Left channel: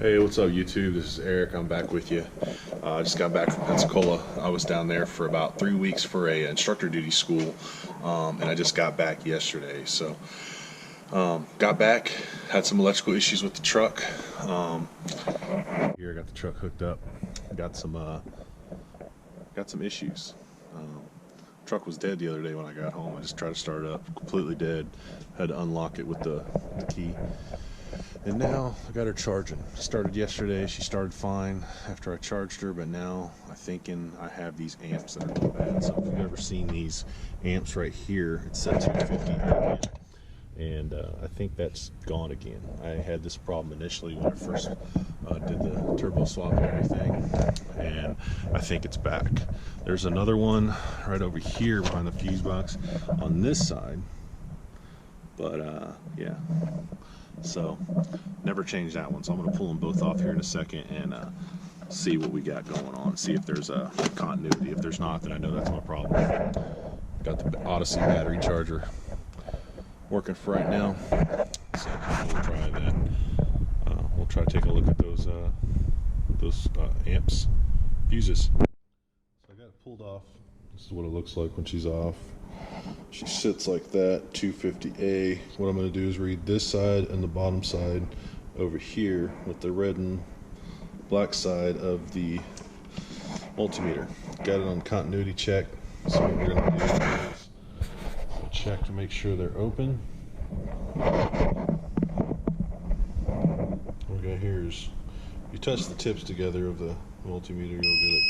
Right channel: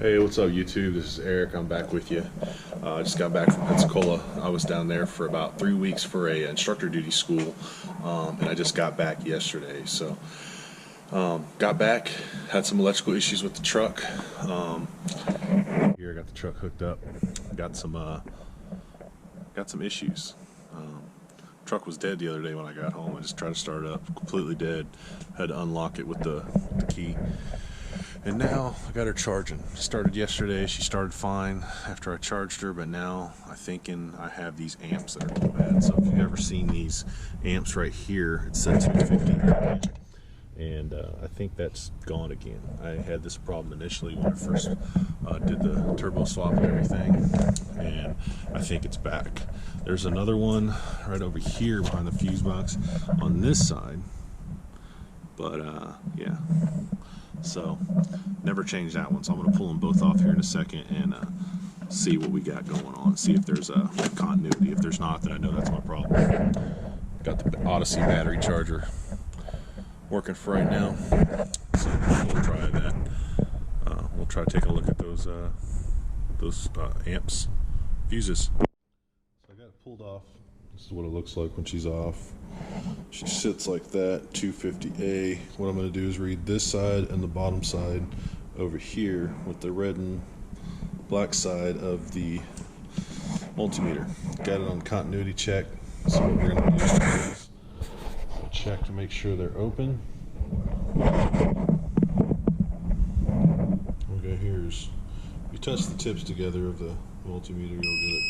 Hey, what's up YouTube? This is Eric. I'm back with you. I just got back from Pensacola. I was down there for about 3 weeks for a instructor duty school, and I just got back yesterday. So got back, had some electrical issues with the truck. Here I got the truck hooked up. Got some issues. Truck was dead the other day when I got home. I just tried to start it up, completely dead. Had to unlock it with the key. And now I got her charging. Started yesterday. She started fine after I charged her, but now I'm thinking I have these amps that are going bad. So if you've ever seen these amps right here, it's a 250 amp, and I think that's gone again. I had this problem initially when I first did the turbo swap and everything, and I think it's back. There's another one right over here behind the fuse box on this side, but yeah. So never changed that one, so I'm going to pull them both off here in a second and see what we got going on, see if there's a continuity. If there's not, then I know that's my problem. Got the Odyssey battery charger working for right now, so we'll try that. We'll try to take a look at those amps fuses. So I got it pulled off. This is what it looks like when she's off. She sits like that, 250A. What I'm going to do is read this side and the bottom side over here with the red and black side of the multimeter. Got it on continuity check. So what we're going to do is check to make sure they're open. What we got here is, if you touch the tips together of the multimeter, you'll get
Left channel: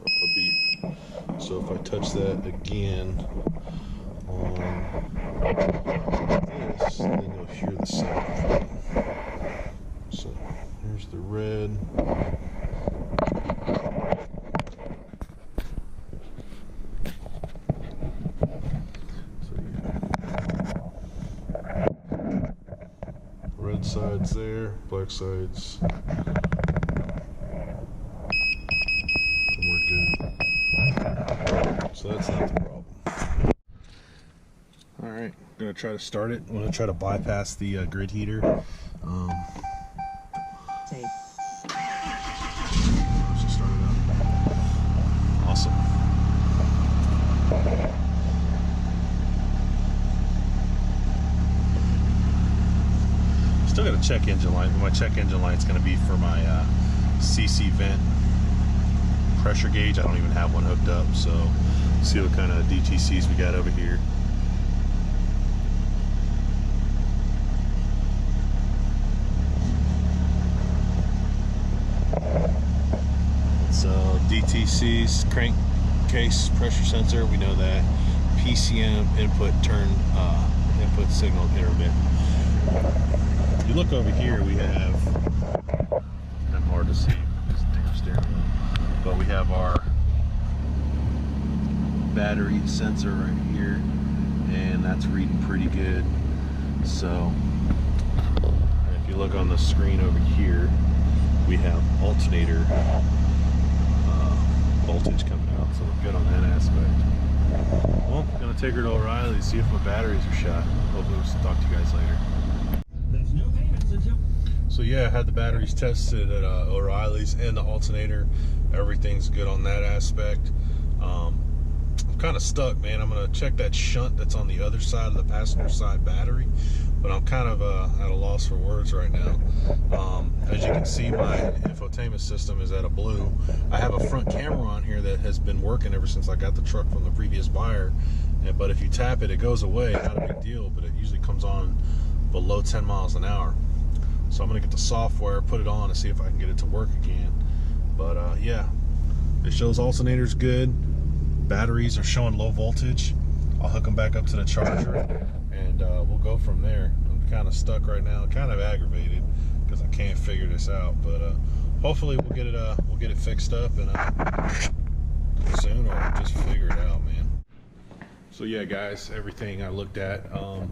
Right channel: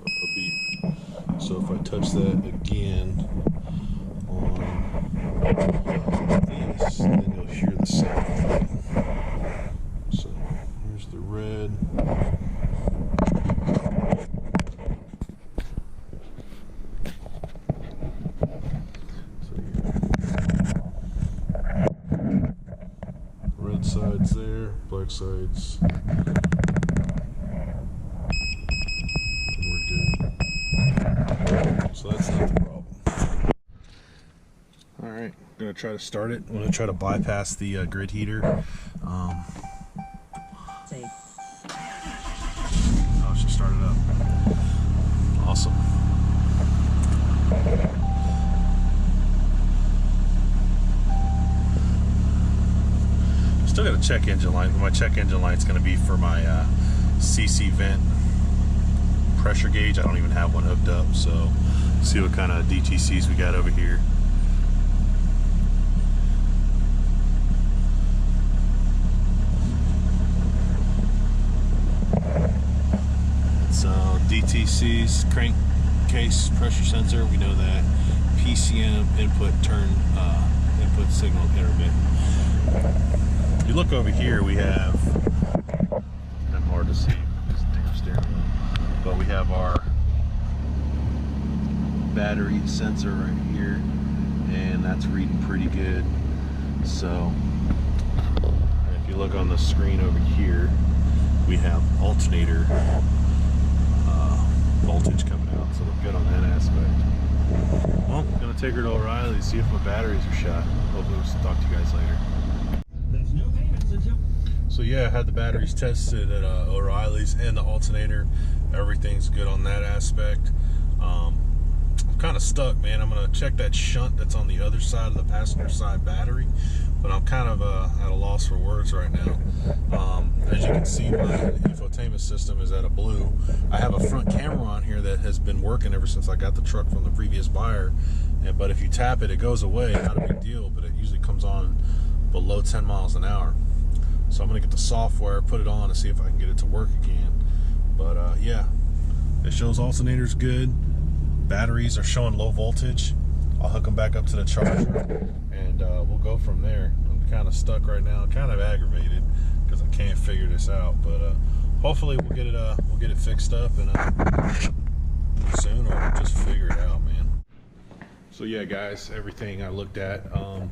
a beep. So if I touch that again on this, then you'll hear the same thing. So here's the red. So yeah, red side's there, black side's, and we're good. So that's not the problem. Alright, I'm going to try to start it. I'm going to try to bypass the grid heater. Oh, she started up. Awesome. Still got a check engine light, but my check engine light's going to be for my CC vent pressure gauge. I don't even have one hooked up, so see what kind of DTCs we got over here. So DTC's crankcase pressure sensor, we know that. PCM input input signal intermittent. If you look over here, we have, kind of hard to see this damn steering wheel, but we have our battery sensor right here, and that's reading pretty good. So if you look on the screen over here, we have alternator voltage coming out, so we're good on that aspect. Well, I'm gonna take her to O'Reilly's, see if my batteries are shot. Hopefully we'll talk to you guys later. So yeah, I had the batteries tested at O'Reilly's and the alternator. Everything's good on that aspect. I'm kind of stuck, man. I'm gonna check that shunt that's on the other side of the passenger side battery, but I'm kind of at a loss for words right now. As you can see, my infotainment system is at a blue. I have a front camera on here that has been working ever since I got the truck from the previous buyer, but if you tap it, it goes away. Not a big deal, but it usually comes on below 10 miles an hour. So I'm gonna get the software, put it on, and see if I can get it to work again. But yeah, it shows alternators good. Batteries are showing low voltage. I'll hook them back up to the charger, and we'll go from there. I'm kind of stuck right now, kind of aggravated because I can't figure this out. But hopefully we'll get it fixed up and soon, or just figure it out, man. So yeah, guys, everything I looked at, I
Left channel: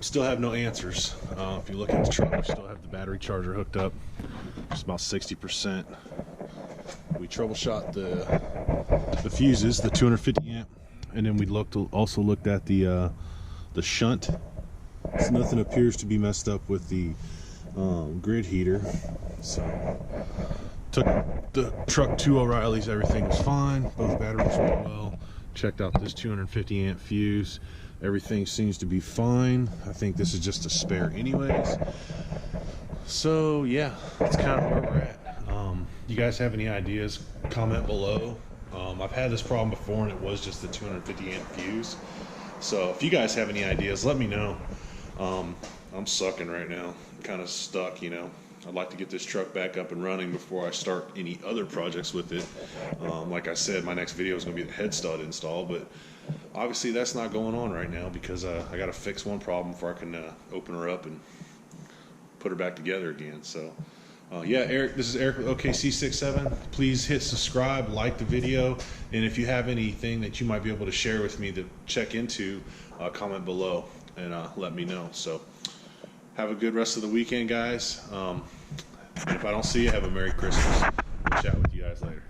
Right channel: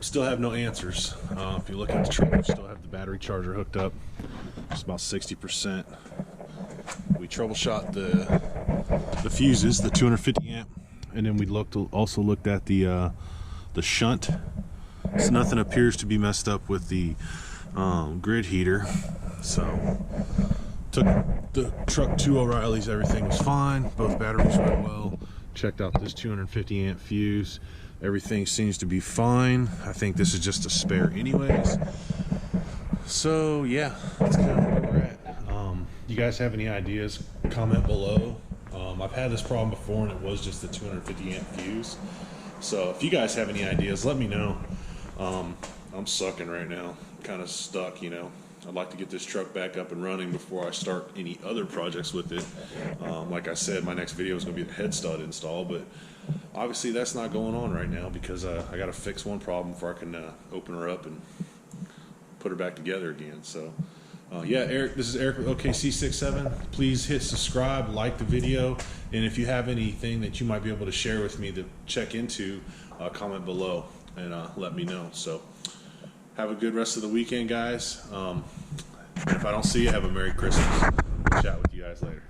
still have no answers. If you look at the truck, we still have the battery charger hooked up. It's about 60%. We troubleshot the fuses, the 250 amp, and then we also looked at the shunt. So nothing appears to be messed up with the grid heater. So took the truck to O'Reilly's, everything was fine, both batteries went well. Checked out this 250 amp fuse, everything seems to be fine. I think this is just a spare anyways. So yeah, that's kind of where we're at. You guys have any ideas, comment below. I've had this problem before and it was just the 250 amp fuse. So if you guys have any ideas, let me know. I'm sucking right now, kind of stuck, you know. I'd like to get this truck back up and running before I start any other projects with it. Like I said, my next video is going to be the head stud install, but obviously that's not going on right now because I got to fix one problem before I can open her up and put her back together again. So yeah, Eric, this is Eric with OKC67. Please hit subscribe, like the video, and if you have anything that you might be able to share with me to check into, comment below and let me know. So have a good rest of the weekend, guys. And if I don't see you, have a Merry Christmas. We'll chat with you guys later.